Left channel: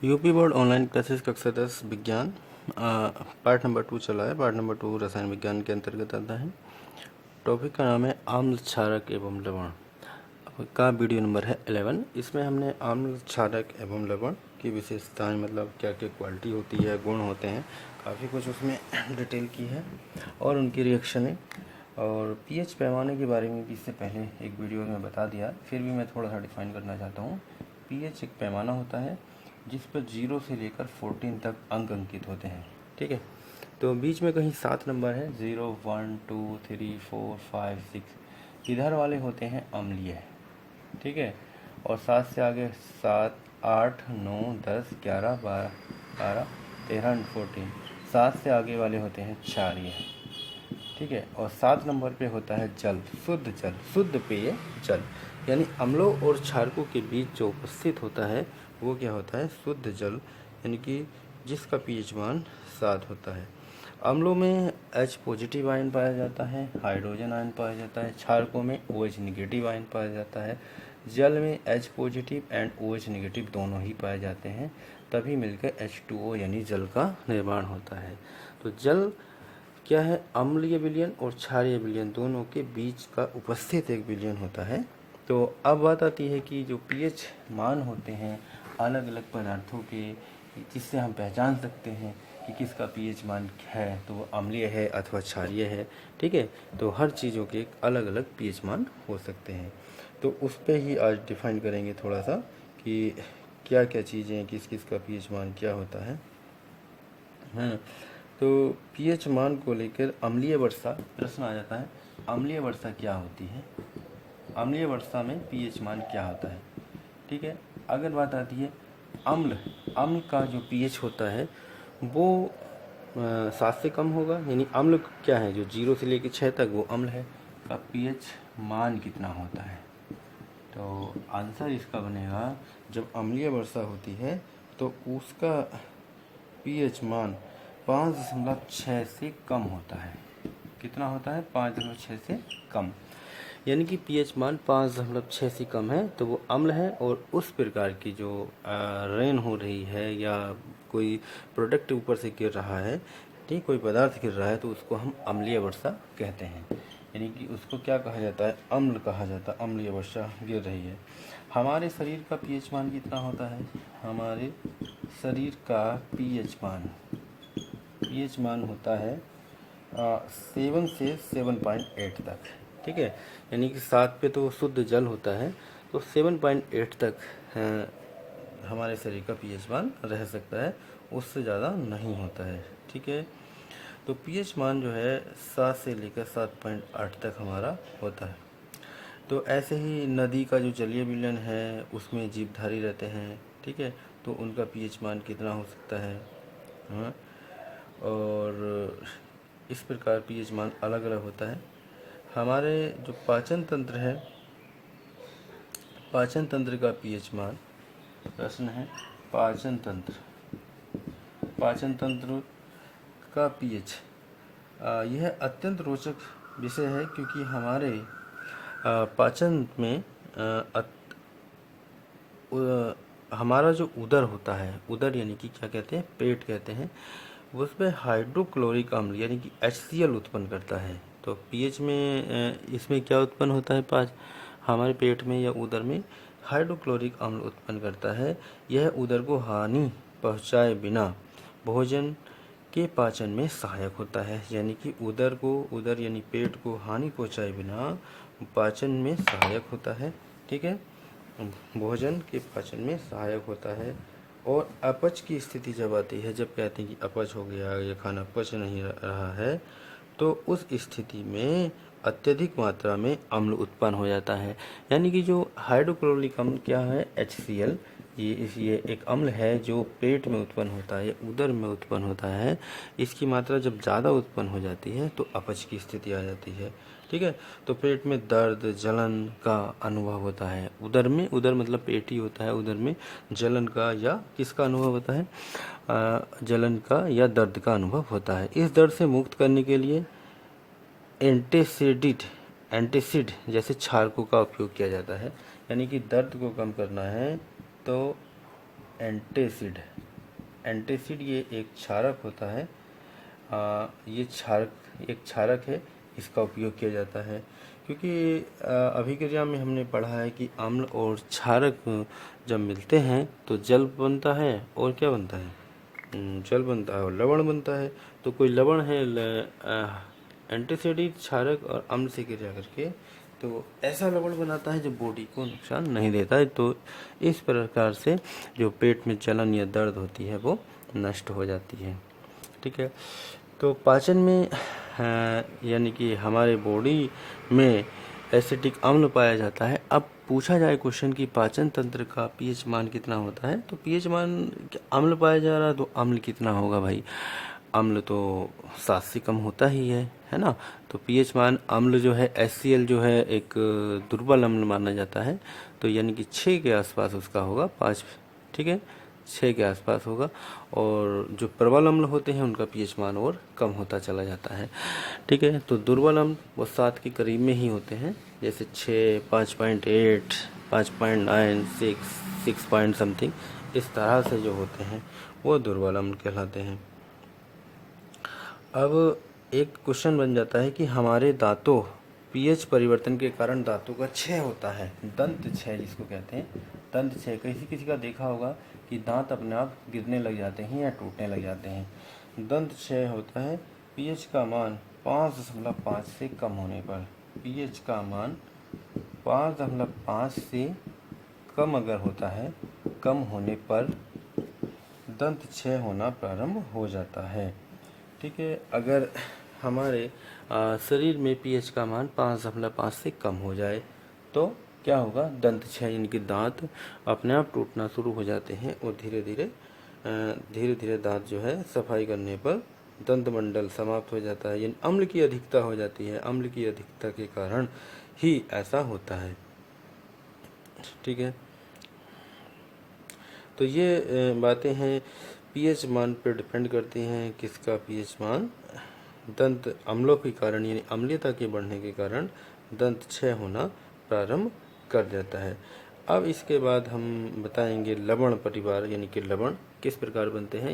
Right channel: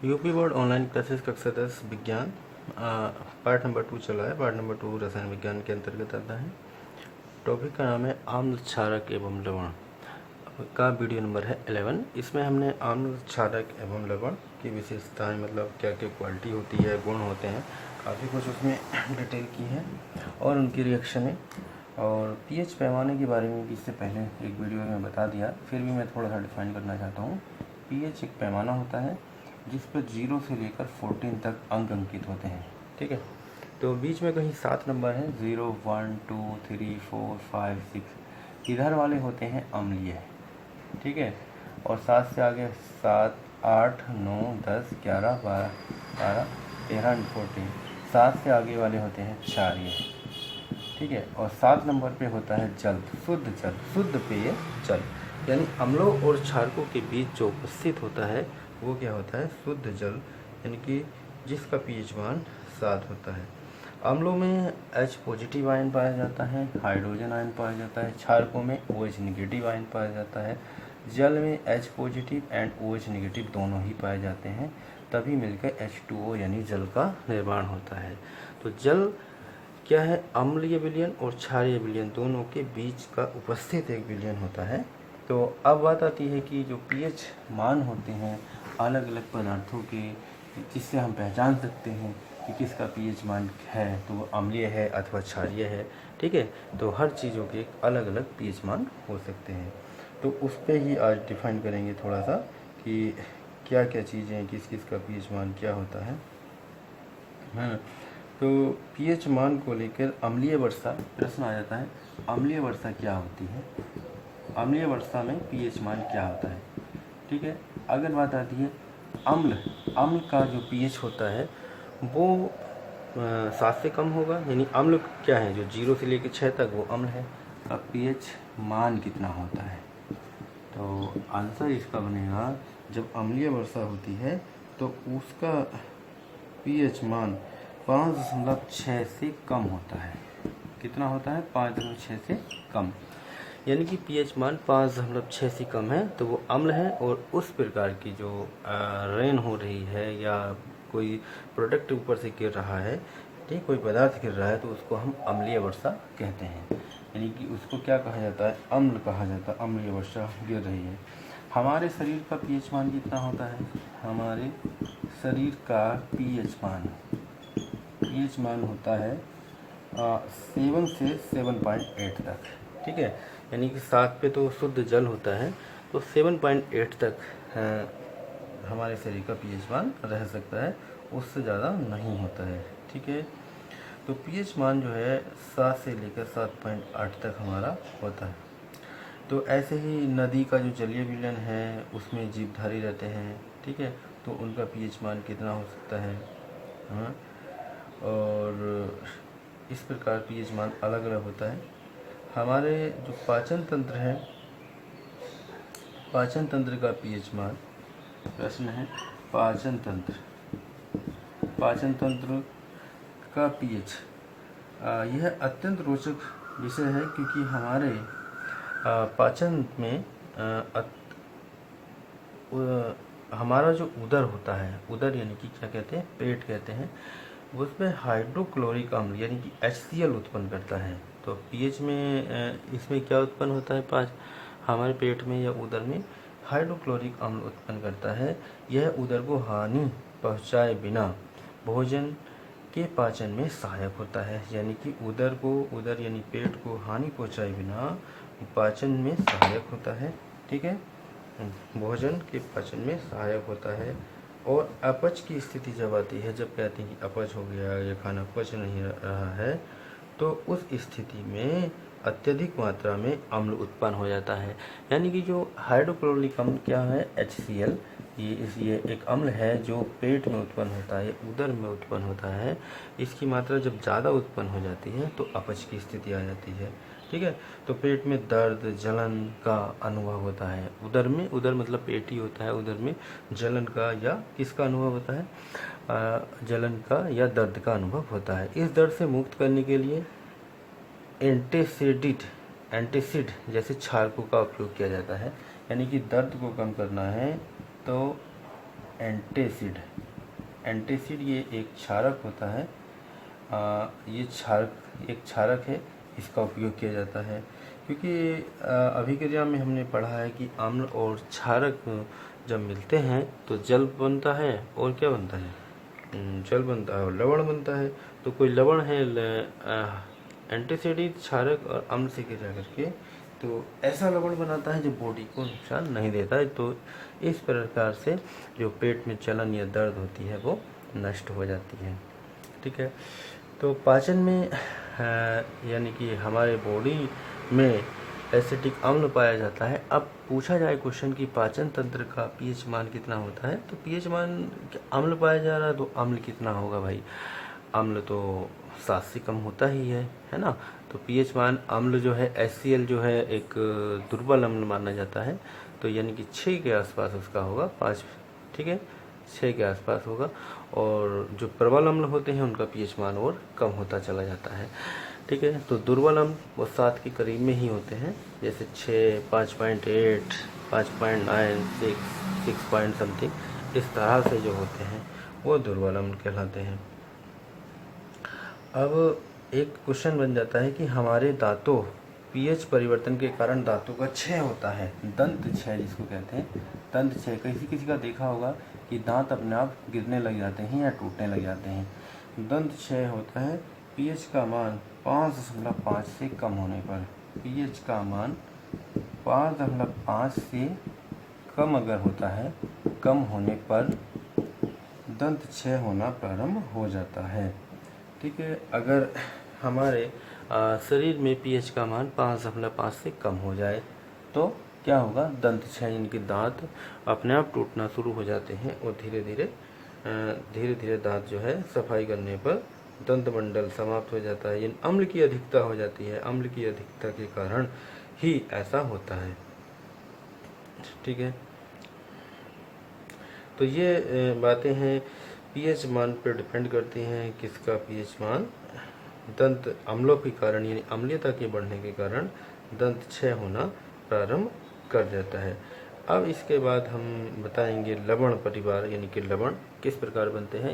UP board online classes कक्षा 10 विज्ञान part number 2 चला है। पार्ट नंबर 2 रसायन विज्ञान के अंतर्गत आता है। टॉपिक का नाम है आम्ल क्षारक एवं लवण का वीडियो नंबर है 11। इसमें हमने आम्ल क्षारक एवं लवण की विशेषताएं, मतलब क्या क्या क्वालिटी होती है, गुण होते हैं, काफ़ी कुछ उसमें डिटेल की है और उनकी रिएक्शनें और पीएच पैमाने के बारे में भी इससे पहले एक वीडियो में बता दिया। फिर भी मैं थोड़ा सा डिफाइन करना चाहता हूँ। पीएच एक पैमाना होता है जिस पर 0 से लेकर 14 तक अंक अंकित होते हैं। ठीक है, तो बीच में कहीं 7 नंबर है, 0, 1, 2, 3, 4, 5, 6 इधर वाले होते हैं अम्लीय। ठीक है, और 7 से आगे 7, 8, 9, 10, 11, 12, 13 एंड 14 7 से आगे वाले होते हैं क्षारीय। ठीक है, और 7 नंबर पे होता है जल, शुद्ध पेय जल, यानी अम्लों और क्षारकों के बीच जो उपस्थित होता है वो क्या होता है, शुद्ध जल, यानी कि जिसका पीएच मान 7 होता है। अम्लों में H पॉजिटिव आयन पाया जाता है, हाइड्रोजन आयन पाया जाता है, क्षारकों में OH निगेटिव आयन पाया जाता है, जल में H positive and OH negative दोनों ही पाए जाते हैं, तभी मिलकर H2O यानी जल का निर्माण होता है। तो जल क्या है, अम्लीय विलयन और क्षारीय विलयन दोनों के बीच का उपस्थित एक विलयन होता है। तो अब बात आती है कि जो पीएच मान होते हैं अलग अलग पदार्थों के, जिससे हम पहचान सकते हैं कि किसका पीएच मान है, तो वो अम्लीय है अथवा क्षारीय है। ठीक है, तो हर चीज़ों के अलग अलग पीएच मान हो सकते हैं। तो उस पर ही आज डिफाइन करेंगे थोड़ा सा कि क्या क्या चीज़ें, किस किस का पीएच मान क्या होता है ना। तो पीएच मान को लेकर अम्लीय वर्षा प्रश्न आ जाता है। अम्लीय वर्षा क्या होती है, अम्लीय वर्षा में पीएच मान क्या होता है। ठीक है, अगर बात आती है अम्ल का जो पीएच होता है वो 7 से कम होगा, यानी अम्ल क्या है, जो 0 से लेकर 6 तक वो अम्ल है, का पीएच मान कितना होता है। तो आंसर इसका बनेगा, जब अम्लीय वर्षा होती है तो उसका पीएच मान 5.6 से कम होता है। कितना होता है, 5.6 से कम, यानी कि पीएच मान 5.6 से कम है तो वो अम्ल है। और उस प्रकार की जो रेन हो रही है या कोई प्रोडक्ट ऊपर से गिर रहा है, ठीक, कोई पदार्थ गिर रहा है, तो उसको हम अम्लीय वर्षा कहते हैं। यानी कि उसको क्या कहा जाता है, अम्ल कहा जाता है। अम्लीय वर्षा गिर रही है। हमारे शरीर का पीएच मान कितना होता है, हमारे शरीर का पीएच मान होता है 7 से 7.8 तक। ठीक है, यानी कि 7 पे तो शुद्ध जल होता है, तो 7.8 तक हमारे शरीर का पीएच मान रह सकता है, उससे ज़्यादा नहीं होता है। ठीक है, तो पीएच मान जो है 7 से लेकर 7.8 तक हमारा होता है। तो ऐसे ही नदी का जो जलीय विलयन है उसमें जीवधारी रहते हैं। ठीक है, तो उनका पीएच मान कितना हो सकता है। हाँ, और इस प्रकार पीएच मान अलग अलग होता है। हमारे जो पाचन तंत्र है, पाचन तंत्र का पीएच मान, प्रश्न है पाचन तंत्र का पीएच, यह अत्यंत रोचक विषय है, क्योंकि हमारे पाचन में हमारा जो उदर होता है, उदर यानी कि क्या कहते हैं, पेट कहते हैं, उसमें हाइड्रोक्लोरिक अम्ल यानी कि HCl उत्पन्न करता है। तो पीएच में इसमें क्या उत्पन्न होता है, हमारे पेट में या उदर में हाइड्रोक्लोरिक अम्ल उत्पन्न करता है। यह उदर को हानि पहुंचाए बिना भोजन के पाचन में सहायक होता है, यानी कि उदर यानी पेट को हानि पहुंचाए बिना पाचन में सहायक होता है। ठीक है, भोजन के पाचन में सहायक होता है। और अपच की स्थिति जब आती है, जब कहते हैं कि अपच हो गया या खाना पच नहीं रहा है, तो उस स्थिति में अत्यधिक मात्रा में अम्ल उत्पन्न हो जाता है। यानी कि जो हाइड्रोक्लोरिक अम्ल क्या है, HCl, ये एक अम्ल है जो पेट में उत्पन्न होता है, उदर में उत्पन्न होता है। इसकी मात्रा जब ज़्यादा उत्पन्न हो जाती है तो अपच की स्थिति आ जाती है। ठीक है, तो पेट में दर्द जलन का अनुभव होता है। उदर मतलब पेट ही होता है, उदर में जलन का या किसका अनुभव होता है, जलन का या दर्द का अनुभव होता है। इस दर्द से मुक्त करने के लिए एंटासिड जैसे क्षारकों का उपयोग किया जाता है। यानी कि दर्द को कम करना है तो एंटासिड। एंटासिड ये एक क्षारक होता है। ये एक क्षारक है, इसका उपयोग किया जाता है क्योंकि अभिक्रिया में हमने पढ़ा है कि अम्ल और क्षारक जब मिलते हैं तो जल बनता है और क्या बनता है, जल बनता है और लवण बनता है। तो कोई लवण है एंटीसिड क्षारक और अम्ल से क्रिया करके तो ऐसा लवण बनाता है जो बॉडी को नुकसान नहीं देता है। तो इस प्रकार से जो पेट में जलन या दर्द होती है वो नष्ट हो जाती है। ठीक है, तो पाचन में यानी कि हमारे बॉडी में एसिटिक अम्ल पाया जाता है। अब पूछा जाए क्वेश्चन कि पाचन तंत्र का पीएच मान कितना होता है, तो पीएच मान अम्ल पाया जा रहा है तो अम्ल कितना होगा भाई, अम्ल तो 7 से कम होता ही है ना। तो पीएच मान अम्ल जो है HCl जो है एक दुर्बल अम्ल माना जाता है, तो यानी कि 6 के आसपास उसका होगा, 5, ठीक है, 6 के आसपास होगा। और जो प्रबल अम्ल होते हैं उनका पीएच मान और कम होता चला जाता है। ठीक है, तो दुर्बल अम्ल वो 7 के करीब में ही होते हैं, जैसे 6, 5.8, 5.9, 6 पॉइंट समथिंग, इस तरह से जो होते हैं वो दुर्बल अम्ल कहलाते हैं। अब एक क्वेश्चन बन जाता है कि हमारे दांतों पीएच परिवर्तन के कारण दांतों का क्षय होता है, दंत क्षय जिसको कहते हैं, दंत क्षय। किसी किसी का देखा होगा कि दांत अपने आप गिरने लग जाते हैं या टूटने लग जाते हैं। दंत क्षय होता है पीएच का मान 5.5 से कम होने पर। पीएच का मान 5.5 से कम अगर होता है, कम होने पर दंत क्षय होना प्रारंभ हो जाता है। ठीक है, अगर हमारे शरीर में पीएच का मान 5.5 से कम हो जाए तो क्या होगा, दंत क्षय, यानी कि दांत अपने आप टूटना शुरू हो जाते हैं और धीरे धीरे दांत जो है सफाई करने पर दंत मंडल समाप्त हो जाता है। यानी अम्ल की अधिकता हो जाती है, अम्ल की अधिकता के कारण ही ऐसा होता है। ठीक है, तो ये बातें हैं पीएच मान पर डिपेंड करती हैं। किसका पीएच मान, दंत अम्लों के कारण यानी अम्लीयता के बढ़ने के कारण दंत क्षय होना प्रारंभ कर देता है। अब इसके बाद हम बताएंगे लवण परिवार, यानी कि लवण किस प्रकार बनते हैं।